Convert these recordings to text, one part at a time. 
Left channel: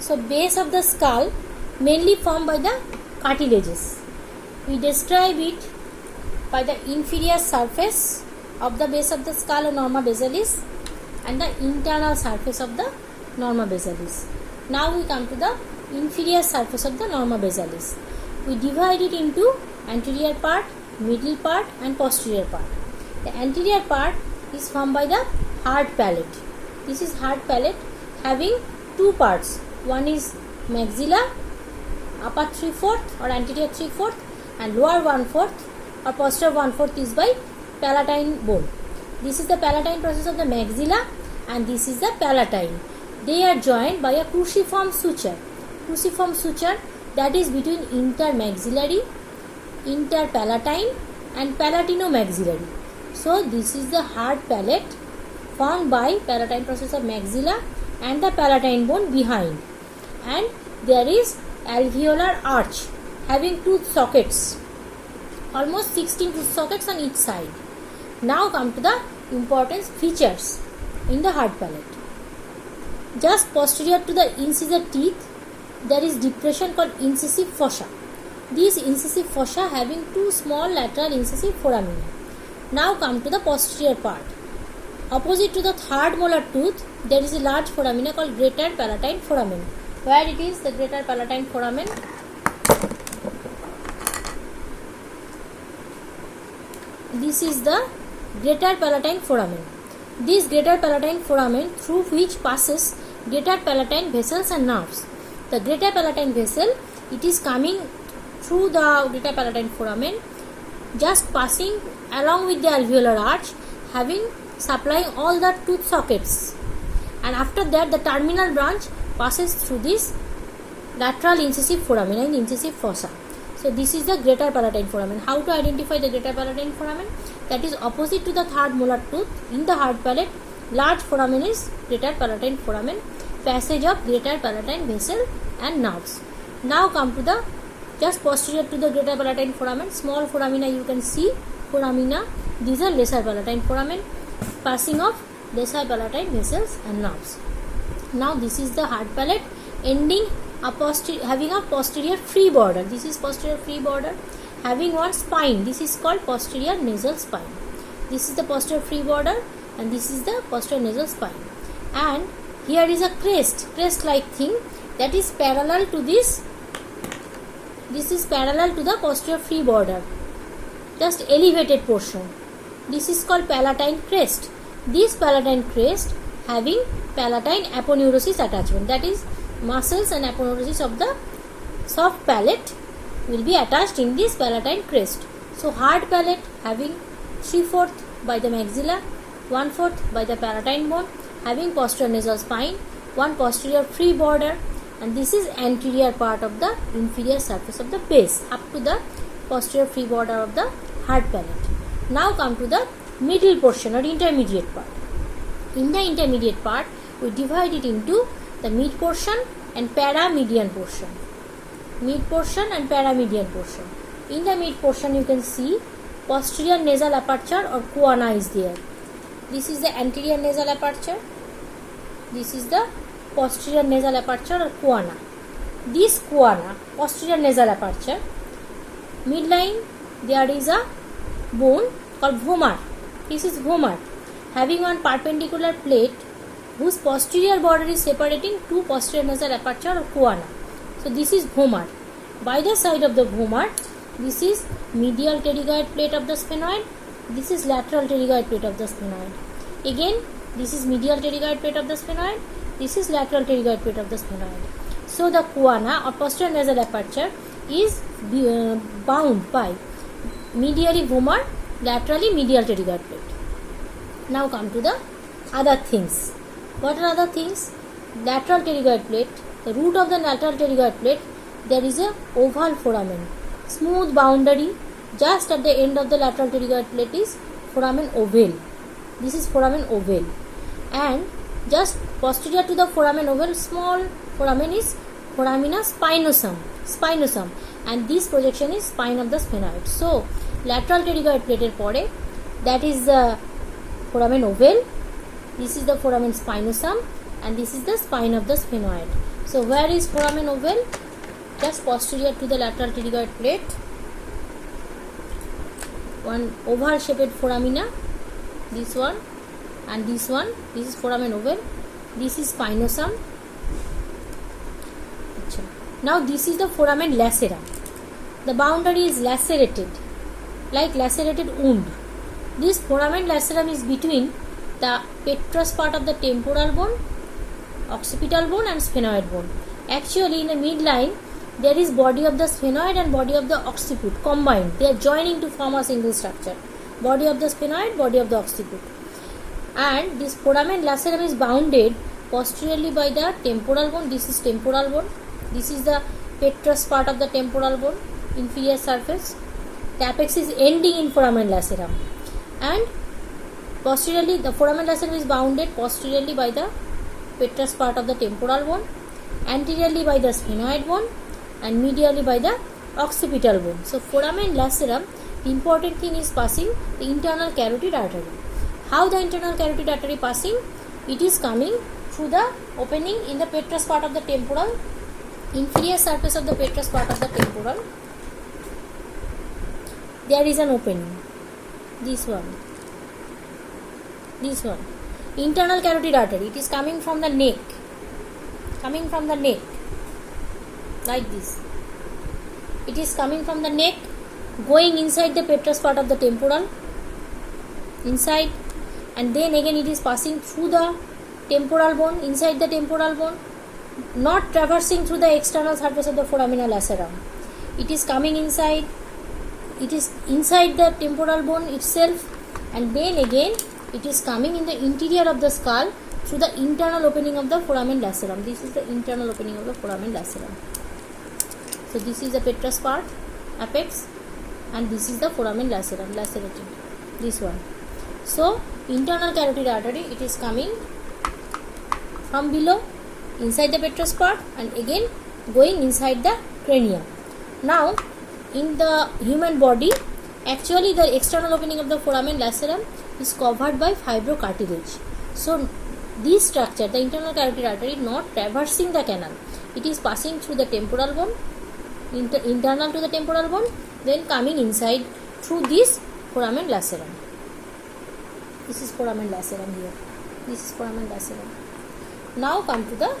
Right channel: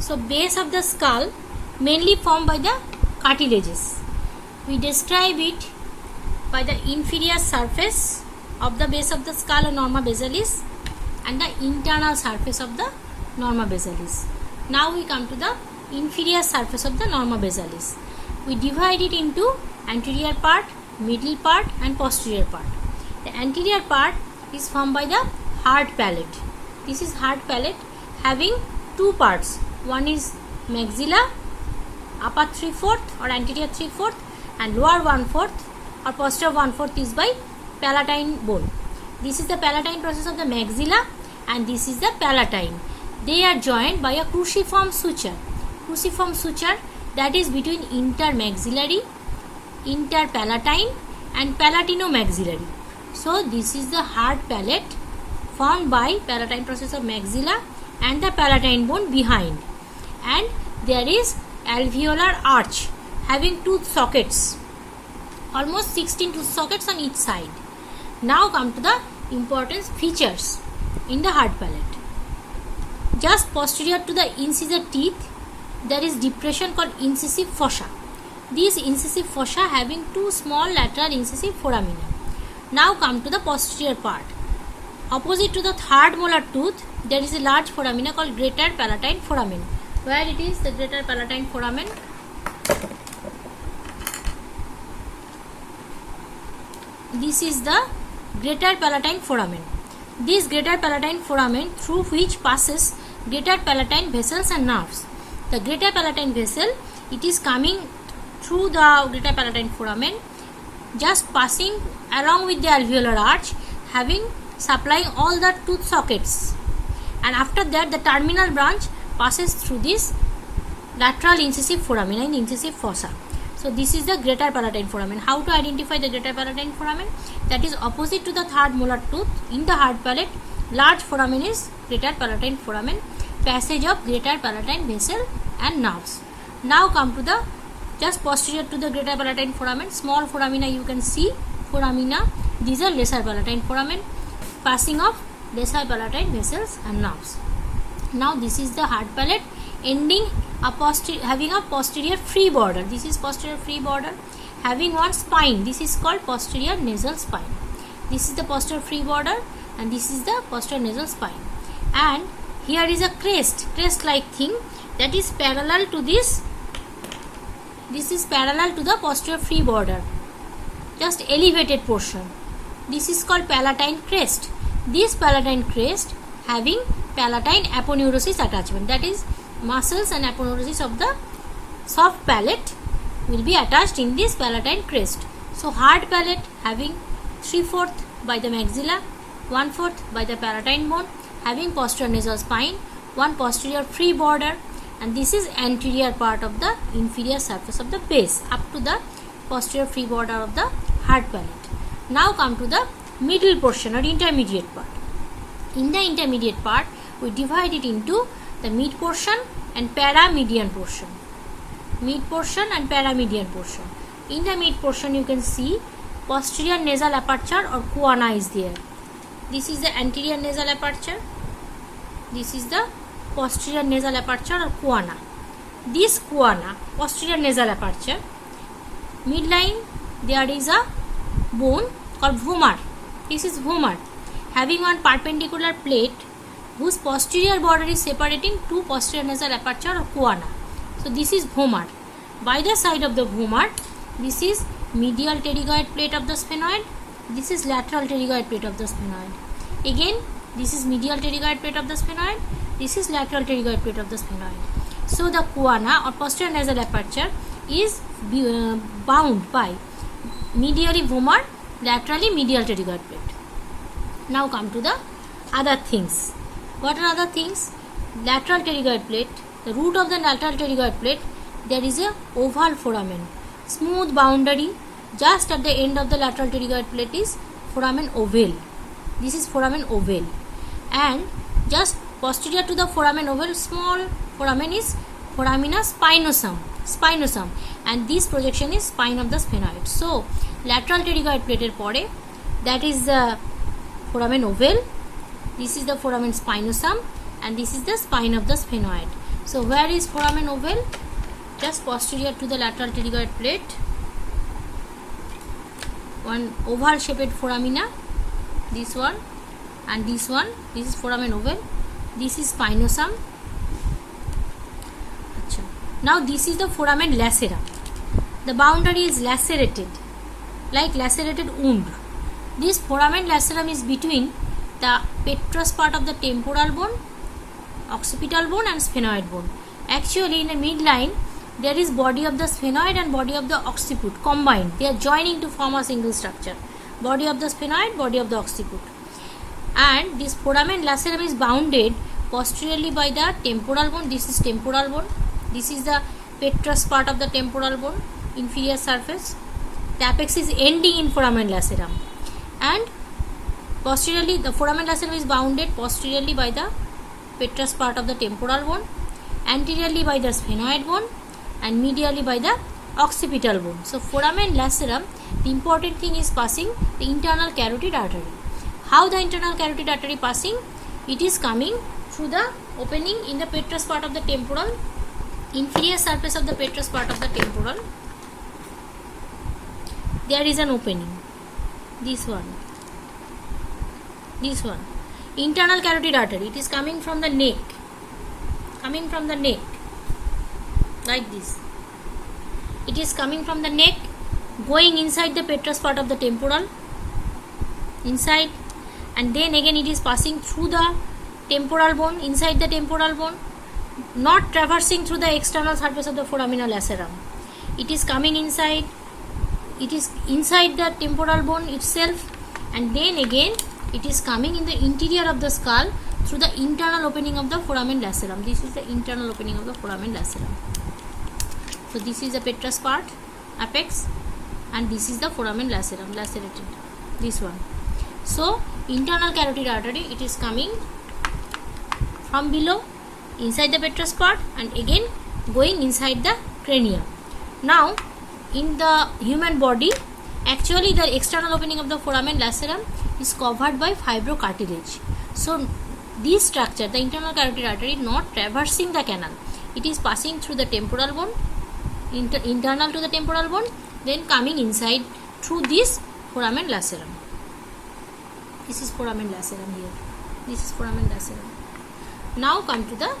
So base of the skull mainly formed by the cartilages. We describe it by the inferior surface of the base of the skull or norma basalis and the internal surface of the norma basalis. Now we come to the inferior surface of the norma basalis. We divide it into anterior part, middle part and posterior part. The anterior part is formed by the hard palate. This is hard palate having two parts. One is maxilla, upper 3/4 or anterior 3/4 and lower 1/4 or posterior 1/4 is by palatine bone. This is the palatine process of the maxilla and this is the palatine. They are joined by a cruciform suture. Cruciform suture that is between intermaxillary, interpalatine and palatinomaxillary. So this is the hard palate formed by palatine process of maxilla and the palatine bone behind. And there is alveolar arch having tooth sockets, almost 16 tooth sockets on each side. Now come to the important features in the hard palate. Just posterior to the incisor teeth, there is depression called incisive fossa. These incisive fossa having two small lateral incisive foramina. Now come to the posterior part. Opposite to the third molar tooth, there is a large foramina called greater palatine foramen. Where it is the greater palatine foramen? This is the greater palatine foramen. This greater palatine foramen through which passes greater palatine vessels and nerves. The greater palatine vessel, it is coming through the greater palatine foramen, just passing along with the alveolar arch, having supplying all the tooth sockets, and after that the terminal branch passes through this lateral incisive foramina in incisive fossa. So this is the greater palatine foramen. How to identify the greater palatine foramen? That is opposite to the third molar tooth in the hard palate. Large foramen is greater palatine foramen, passage of greater palatine vessel and nerves. Now come to the just posterior to the greater palatine foramen, small foramina you can see, foramina. These are lesser palatine foramen, passing of lesser palatine vessels and nerves. Now this is the hard palate ending having a posterior free border. This is posterior free border having one spine. This is called posterior nasal spine. This is the posterior free border and this is the posterior nasal spine. And here is a crest like thing that is parallel to this. This is parallel to the posterior free border, just elevated portion. This is called palatine crest. This palatine crest having palatine aponeurosis attachment, that is muscles and aponeurosis of the soft palate will be attached in this palatine crest. So hard palate having 3/4 by the maxilla, 1/4 by the palatine bone, having posterior nasal spine, one posterior free border, and this is anterior part of the inferior surface of the base up to the posterior free border of the hard palate. Now come to the middle portion or intermediate part. In the intermediate part, we divide it into the mid portion and paramedian portion. Mid portion and paramedian portion. In the mid portion, you can see posterior nasal aperture or choana is there. This is the anterior nasal aperture. This is the posterior nasal aperture or choana. This choana, posterior nasal aperture, midline there is a bone called vomer. This is vomer having one perpendicular plate whose posterior border is separating two posterior nasal aperture or choana. So this is vomer. By the side of the vomer, this is medial pterygoid plate of the sphenoid. This is lateral pterygoid plate of the sphenoid. Again, this is medial pterygoid plate of the sphenoid. This is lateral pterygoid plate of the sphenoid. So the choana or posterior nasal aperture is bound by medially vomer, laterally medial pterygoid plate. Now come to the other things. What are other things? Lateral pterygoid plate. The root of the lateral pterygoid plate, there is a oval foramen, smooth boundary. Just at the end of the lateral pterygoid plate is foramen ovale. This is foramen ovale, and just posterior to the foramen ovale, small foramen is foramina spinosum, and this projection is spine of the sphenoid. So lateral pterygoid plate pore, that is the foramen ovale. This is the foramen spinosum and this is the spine of the sphenoid. So where is foramen ovale? Just posterior to the lateral pterygoid plate. One oval shaped foramina, this one and this one. This is foramen ovale. This is spinosum. Now this is the foramen lacerum. The boundary is lacerated, like lacerated wound. This foramen lacerum is between the petrous part of the temporal bone, occipital bone and sphenoid bone. Actually in the midline there is body of the sphenoid and body of the occiput combined. They are joining to form a single structure. Body of the sphenoid, body of the occiput. And this foramen lacerum is bounded posteriorly by the temporal bone. This is temporal bone. This is the petrous part of the temporal bone, inferior surface. The apex is ending in foramen lacerum. And posteriorly, the foramen lacerum is bounded posteriorly by the petrous part of the temporal bone, anteriorly by the sphenoid bone, and medially by the occipital bone. So, foramen lacerum, the important thing is passing the internal carotid artery. How the internal carotid artery passing? It is coming through the opening in the petrous part of the temporal, inferior surface of the petrous part of the temporal. There is an opening. This one. This one. Internal carotid artery. It is coming from the neck. Coming from the neck. Like this. It is coming from the neck, going inside the petrous part of the temporal. Inside. And then again it is passing through the temporal bone, inside the temporal bone, not traversing through the external surface of the foramina lacerum. It is coming inside. It is inside the temporal bone itself, and then again it is coming in the interior of the skull through the internal opening of the foramen lacerum. This is the internal opening of the foramen lacerum. So this is the petrous part, apex, and this is the foramen lacerum, lacerated. This one. So internal carotid artery, it is coming from below, inside the petrous part, and again going inside the cranium. Now in the human body, actually the external opening of the foramen lacerum is covered by fibrocartilage. So this structure, the internal carotid artery, not traversing the canal. It is passing through the temporal bone, internal to the temporal bone, then coming inside through this foramen lacerum. This is foramen lacerum here. This is foramen lacerum. Now come to the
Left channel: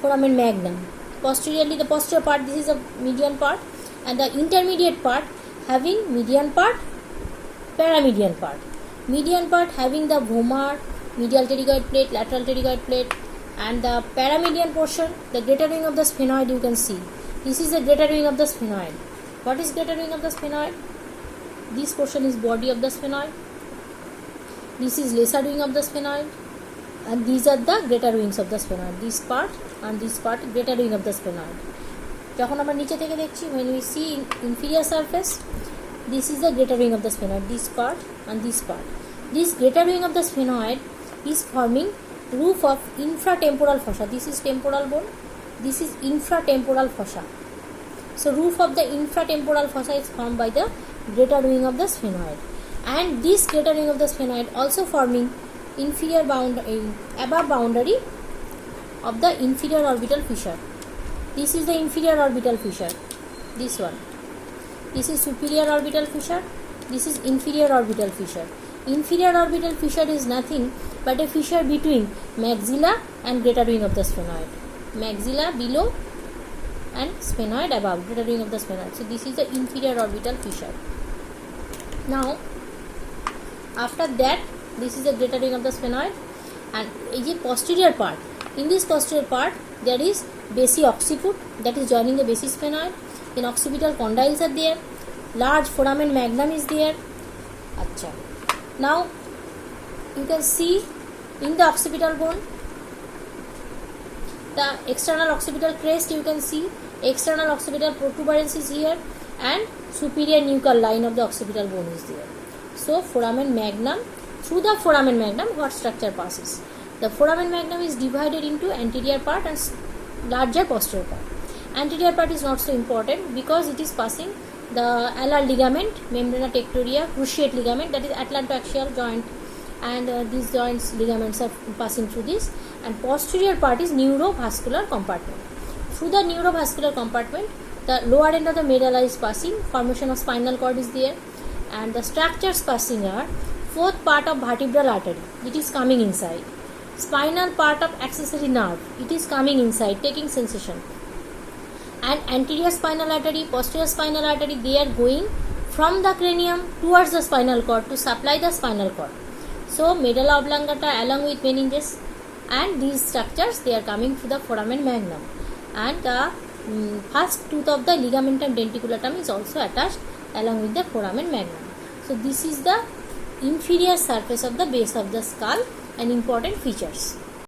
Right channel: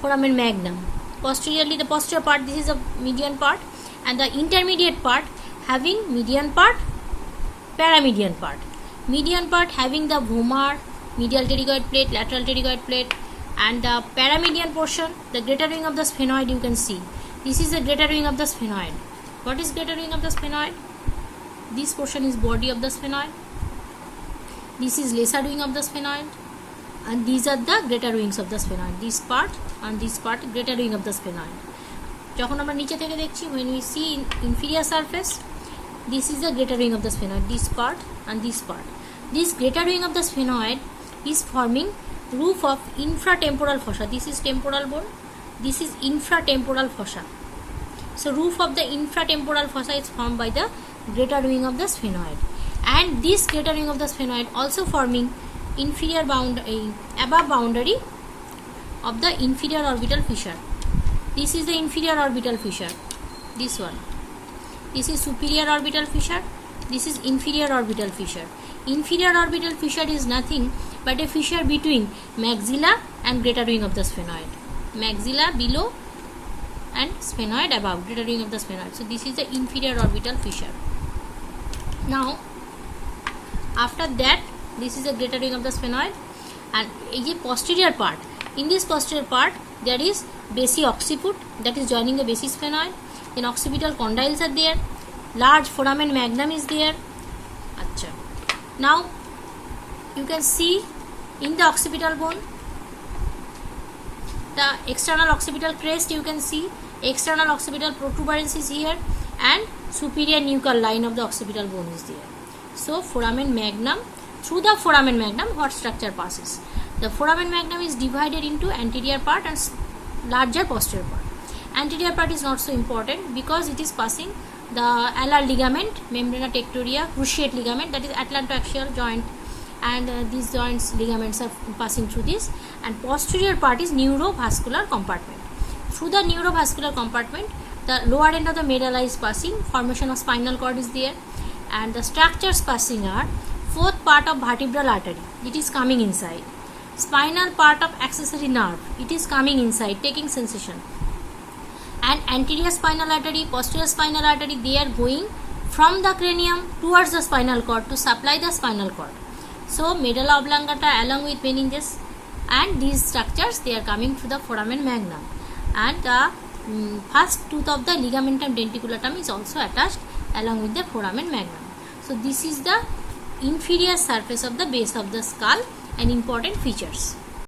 foramen magnum. Posteriorly, the posterior part, this is a median part, and the intermediate part having median part, paramedian part. Median part having the vomer, medial pterygoid plate, lateral pterygoid plate, and the paramedian portion, the greater wing of the sphenoid, you can see. This is the greater wing of the sphenoid. What is greater wing of the sphenoid? This portion is body of the sphenoid. This is lesser wing of the sphenoid. And these are the greater wings of the sphenoid. This part and this part, greater wing of the sphenoid. যখন আমরা নিচে থেকে দেখছি, when we see in inferior surface, this is the greater wing of the sphenoid. This part and this part. This greater wing of the sphenoid is forming roof of infratemporal fossa. This is temporal bone. This is infratemporal fossa. So roof of the infratemporal fossa is formed by the greater wing of the sphenoid. And this greater wing of the sphenoid also forming inferior above boundary of the inferior orbital fissure. This is the inferior orbital fissure. This one. This is superior orbital fissure. This is inferior orbital fissure. Inferior orbital fissure is nothing but a fissure between maxilla and greater wing of the sphenoid. Maxilla below and sphenoid above, greater wing of the sphenoid. So this is the inferior orbital fissure. Now after that, this is the greater wing of the sphenoid, and a posterior part. In this posterior part, there is basi occiput, that is joining the basi sphenoid. Then occipital condyles are there. Large foramen magnum is there. Achha. Now you can see in the occipital bone, the external occipital crest, you can see external occipital protuberance is here, and superior nuchal line of the occipital bone is there. So foramen magnum, through the foramen magnum, what structure passes? The foramen magnum is divided into anterior part and larger posterior part. Anterior part is not so important because it is passing the alar ligament, membrana tectoria, cruciate ligament, that is atlantoaxial joint, and these joints ligaments are passing through this, and posterior part is neurovascular compartment. Through the neurovascular compartment, the lower end of the medulla is passing, formation of spinal cord is there, and the structures passing are fourth part of vertebral artery, it is coming inside, spinal part of accessory nerve, it is coming inside, taking sensation, and anterior spinal artery, posterior spinal artery, they are going from the cranium towards the spinal cord to supply the spinal cord. So medulla oblongata along with meninges and these structures, they are coming to the foramen magnum, and the first tooth of the ligamentum denticulum is also attached along with the foramen magnum. So this is the inferior surface of the base of the skull and important features.